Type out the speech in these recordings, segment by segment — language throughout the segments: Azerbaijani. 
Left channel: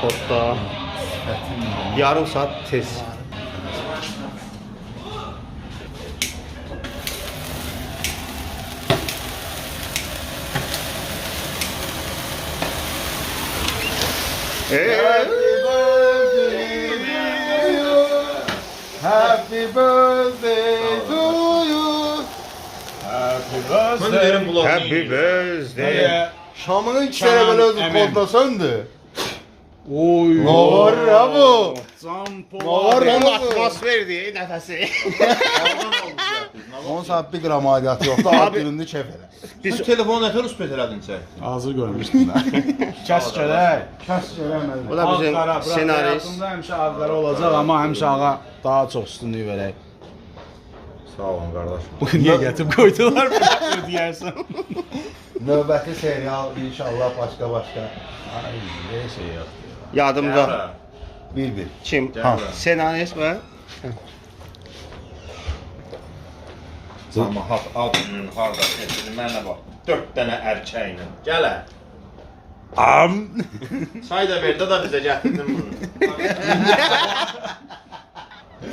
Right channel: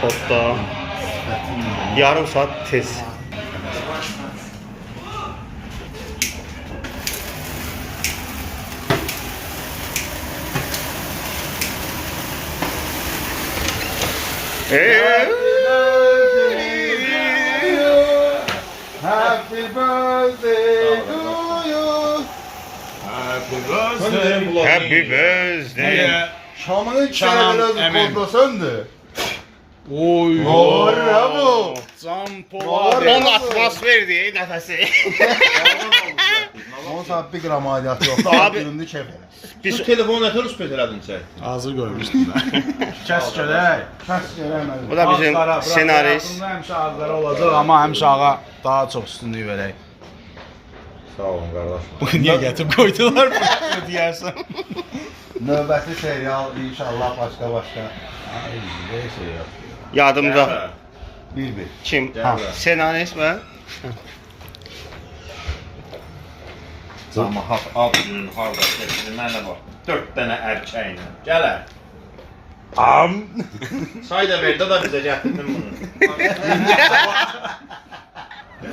Xodda. Yarım saat tez. Happy birthday to you. Happy birthday. Şamını çevirələr kodlasandı. Oy. Var ya bu. Can Var Polat. ya. Onun atmosferdi nəfəsi. 10 saat 1 qram aidiyyatı yoxdur. Abi. Abi. Gününü çəp elə. Bu telefonu nətər üspət elədin sən? Hazır görmüşdüm ben. Kəs görək. Kəs görəməz. Bu da bizim senarist. Hayatımda həmişə ağlara olacaq, amma həmişə ağa daha çox üstünlük verək. Sağ olun qardaş. Bu niyə gətirib qoydular bunu deyərsən? Növbəti serial inşallah başqa. Ay, bir şey yox. Yadımda. 1-1. Kim? Ha. Senarist mi? Camahat ad günün harda keçirir mənə bax. 4 dənə erkəklə. Gələ. Am. Say da ver, da bizə gətirdin bunu.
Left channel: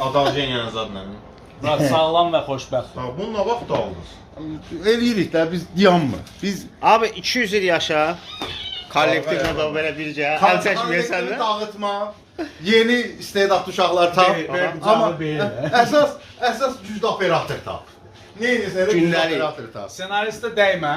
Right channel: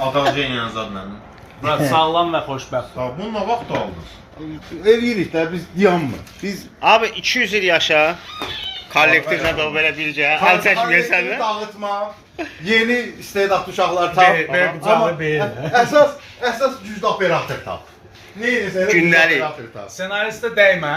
Adalcıyla zadla. Bırak sağlam və xoşbəxt. Ya bununla vaxt aldınız. Eləyirik də biz dayanmır. Biz Abi 200 il yaşa. Kollektivlə də belə bircə. Əl çəkməyəsən də. dağıtma. Yeni istedadlı uşaqlar tap. Be, Amma be. əsas güclü operator tap. Neysə, Gündəlik. operator tap. Senaristə dəymə.